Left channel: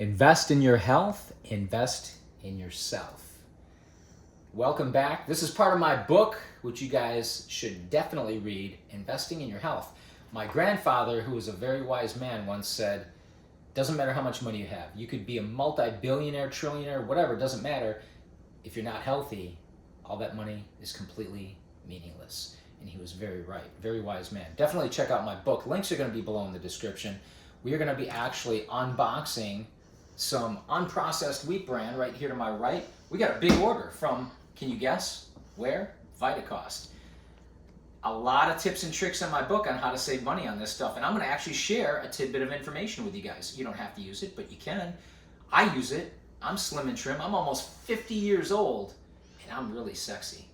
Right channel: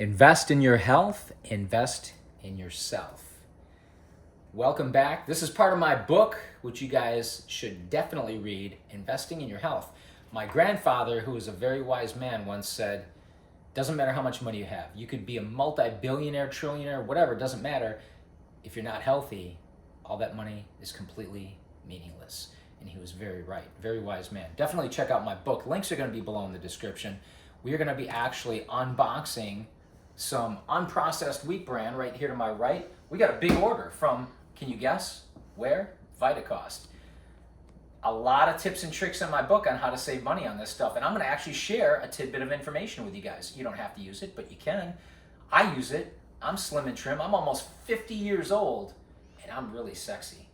Invest in your health, invest in yourself. Welcome back. This is part of my book, which you guys should definitely read, Investing in Your Health. My grandfather, who was a very wise man, once said, doesn't matter how much money you have. You could be a multi-billionaire, trillionaire, whatever, it doesn't matter. If you're not healthy, all that money is completely meaningless. And he was very right, very wise man. Definitely check out my book. Links are going to be below in the description. We are going to be actually unboxing some unprocessed wheat bran right here to my right. We got a big order from, can you guess where? vitacost. A lot of tips and tricks in my book on how to save money on this stuff, and I'm going to actually share a tidbit of information with you guys. You don't have to use it, but you can. I use it. I'm slim and trim. I'm almost 50 years old, and I'm really sexy.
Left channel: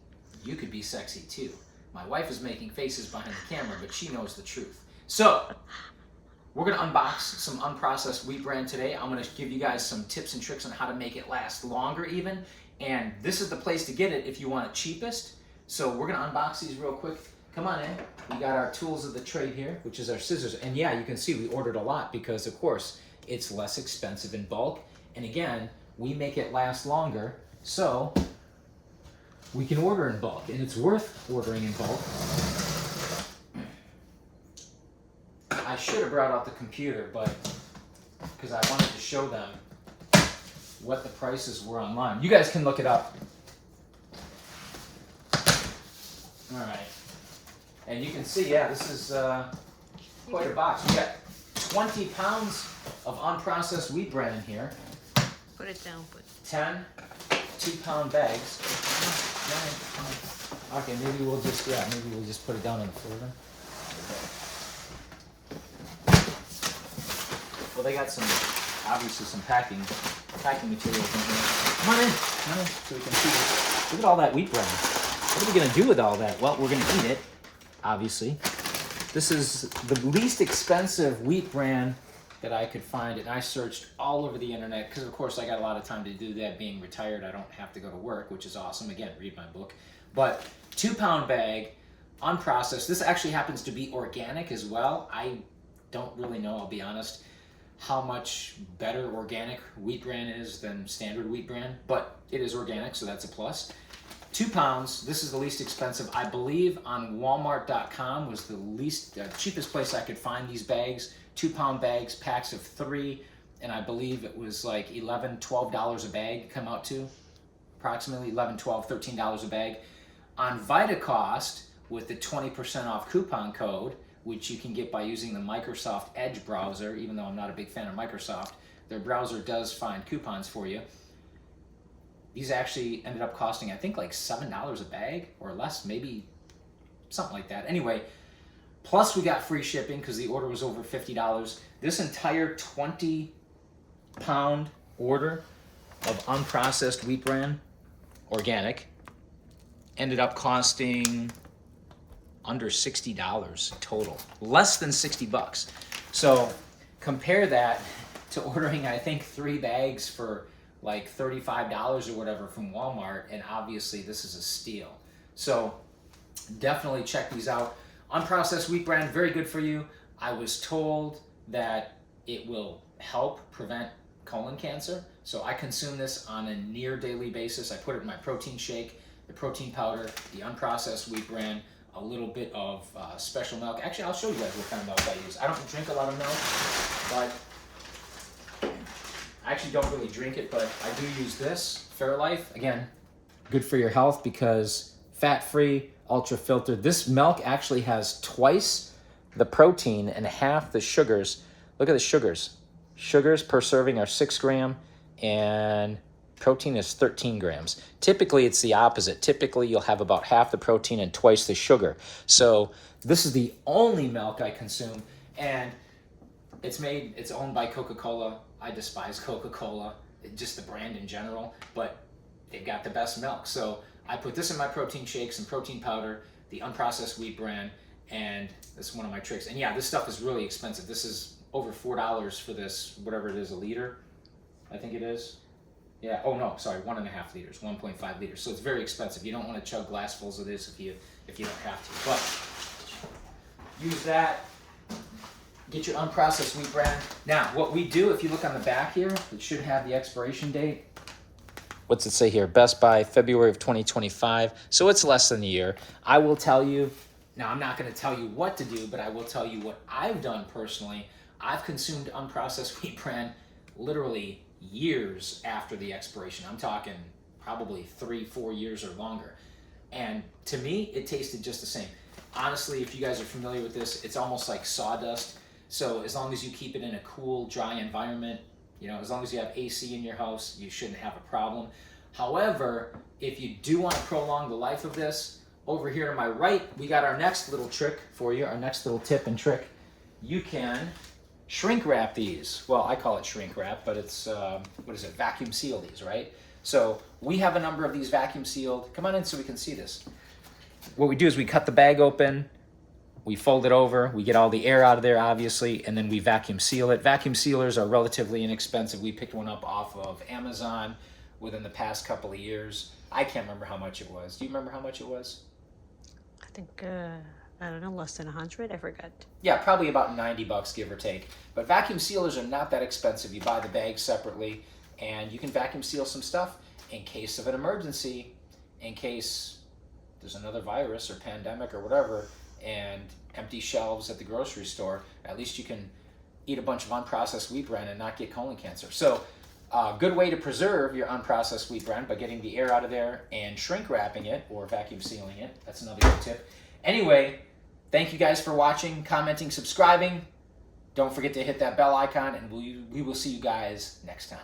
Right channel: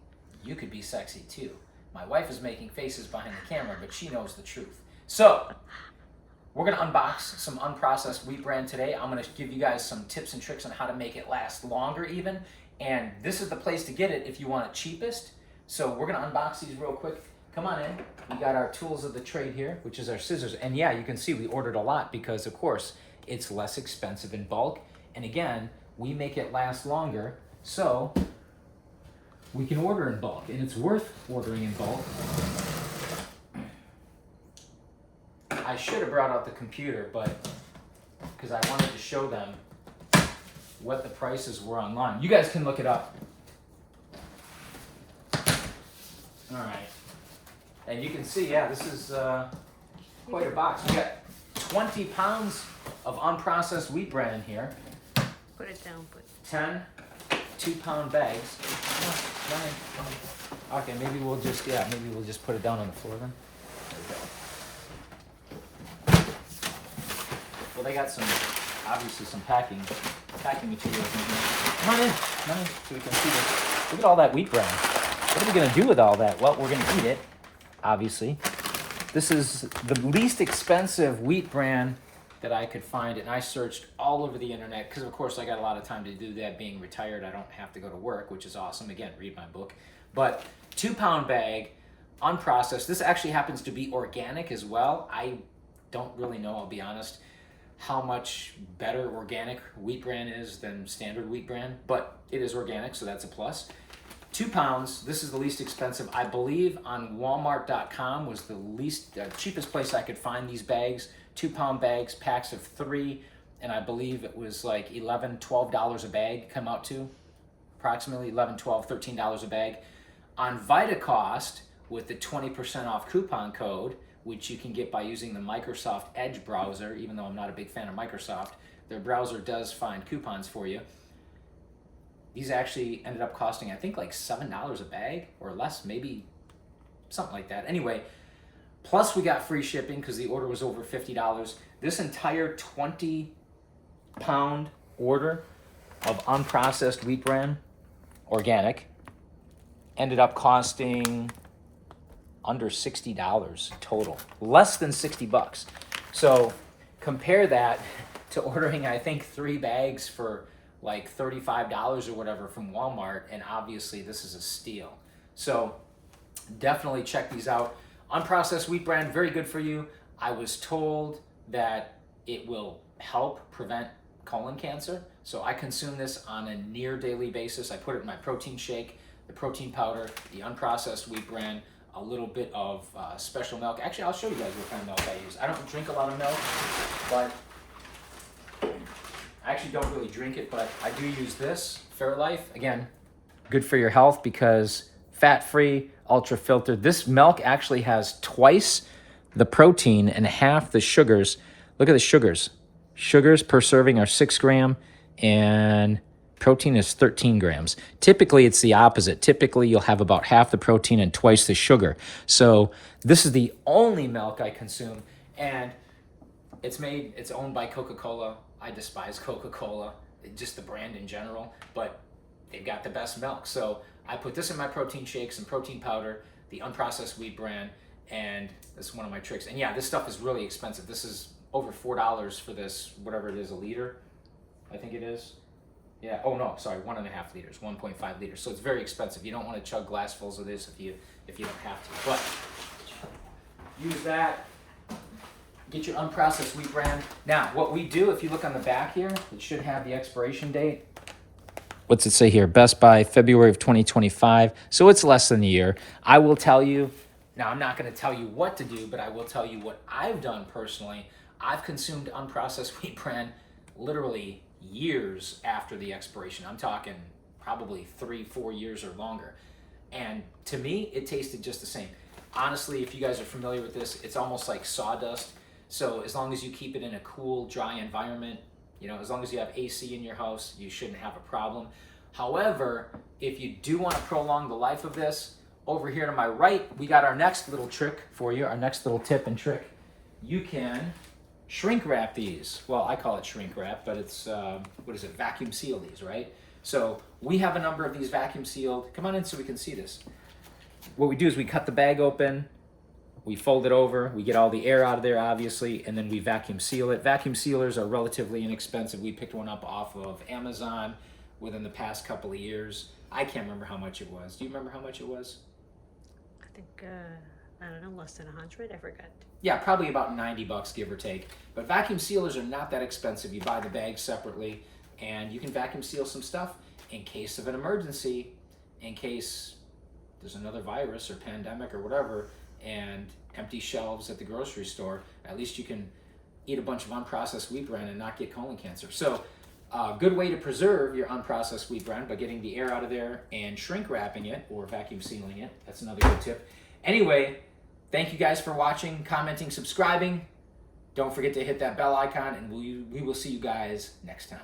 You could be sexy too. My wife is making faces behind the camera, but she knows the truth. So, we're going to unbox some unprocessed wheat bran today. I'm going to give you guys some tips and tricks on how to make it last longer even. And this is the place to get it if you want it cheapest. So we're going to unbox these real quick. Come on in. We got our tools of the trade here, which is our scissors. And yeah, you can see we ordered a lot because, of course, it's less expensive in bulk. And again, we make it last longer, so we can order in bulk. And it's worth ordering in bulk. I should have brought out the computer, but because I wanted to show them what the prices were online. You guys can look it up. All right. And you can see, yeah, this is quite a box. We got 20 pounds of unprocessed wheat bran in here. Put it down. 10 2-pound bags. Okay, maybe we'll just put it down on the floor then. Well, they got obviously some packing materials in here. Come on in, so we can see this. Look at all that wheat bran. What are we gonna do with all that? Well, we're gonna eat it, obviously. This is the least expensive wheat bran that I could find, and I searched all over the internet, because of course I got a lot of time to do that. Being retired, I don't have to go to work, which is awesome. Again, read my book. But 2-pound bag, unprocessed. This actually happens to be organic as well. I don't really know, I'll be honest, how much better organic wheat bran is than standard wheat bran, but it is organic, so that's a plus. 2 pounds, this is the least expensive. I believe on Walmart.com was the cheapest place I could find these bags. 2-pound bags, packs of 3, and I believe it was like $11, $12 a bag come out to. Approximately $11, $12, $13 a bag. On vitacost, with the 20% off coupon code, which you can get by using the Microsoft Edge browser, even though I'm not a big fan of Microsoft, their browser does find coupons for you. These actually ended up costing, I think, like $7 a bag or less, maybe something like that. Anyway, plus we got free shipping because the order was over $50. This entire 20-pound order of unprocessed wheat bran, organic, ended up costing under $60 total, less than 60 bucks. So compare that to ordering, I think, 3 bags for like $35 or whatever from Walmart, and obviously this is a steal. So definitely check these out. Unprocessed wheat bran, very good for you. I was told that it will help prevent colon cancer, so I consume this on a near daily basis. I put it in my protein shake, the protein powder, the unprocessed wheat bran, a little bit of special milk. Actually, I'll show you guys what kind of milk I use. I don't drink a lot of milk, but I actually don't really drink it, but I do use this, Fairlife. Again, good for your health because fat-free, ultra-filtered. This milk actually has twice the protein and half the sugars. Look at the sugars. Sugars per serving are 6 grams, and protein is 13 grams. Typically, it's the opposite. Typically, you'll have about half the protein and twice the sugar. So this is the only milk I consume, and it's owned by Coca-Cola. I despise Coca-Cola, just the brand in general, but they've got the best milk. So I put this in my protein shakes and protein powder, the unprocessed wheat bran, and this is one of my tricks. And yeah, this stuff is really expensive. This is over $4 for this, whatever it is, a liter, I think it is. Yeah, oh no, sorry, 1.5 liters, 1.5 liters. So it's very expensive. You don't want to chug glassfuls of this if you don't have to. But use that. get your unprocessed wheat bran. Now, what we do, if you look on the back here, it should have the expiration date. What's it say here? Best by February of 2025. So it's less than a year. I will tell you, now I'm not going to tell you what to do, but I will tell you what I've done personally. I've consumed unprocessed wheat bran literally years after the expiration. I'm talking probably 3-4 years or longer. And to me, it tasted just the same. Honestly, if you guys are familiar with this, it's almost like sawdust. So as long as you keep it in a cool, dry environment, you know, as long as you have AC in your house, you shouldn't have a problem. However, if you do want to prolong the life of this, over here to my right, we got our next little trick for you, our next little tip and trick. You can shrink wrap these. Well, I call it shrink wrap, but it's, what is it, vacuum seal these, right? So we have a number of these vacuum sealed. Come on in so we can see this. What we do is we cut the bag open, we fold it over, we get all the air out of there, obviously, and then we vacuum seal it. Vacuum sealers are relatively inexpensive. We picked one up off of Amazon within the past couple of years. I can't remember how much it was. Do you remember how much it was? I think, I don't know, less than 100, I forgot. Yeah, probably about $90, give or take. But vacuum sealers are not that expensive. You buy the bags separately, and you can vacuum seal some stuff in case of an emergency, in case there's another virus or pandemic or whatever, and empty shelves at the grocery store. At least you can eat a bunch of unprocessed wheat bran and not get colon cancer. So a good way to preserve your unprocessed wheat bran by getting the air out of there and shrink wrapping it or vacuum sealing it. That's another good tip. Anyway, thank you guys for watching, commenting, subscribing. Don't forget to hit that bell icon, and we will see you guys next time.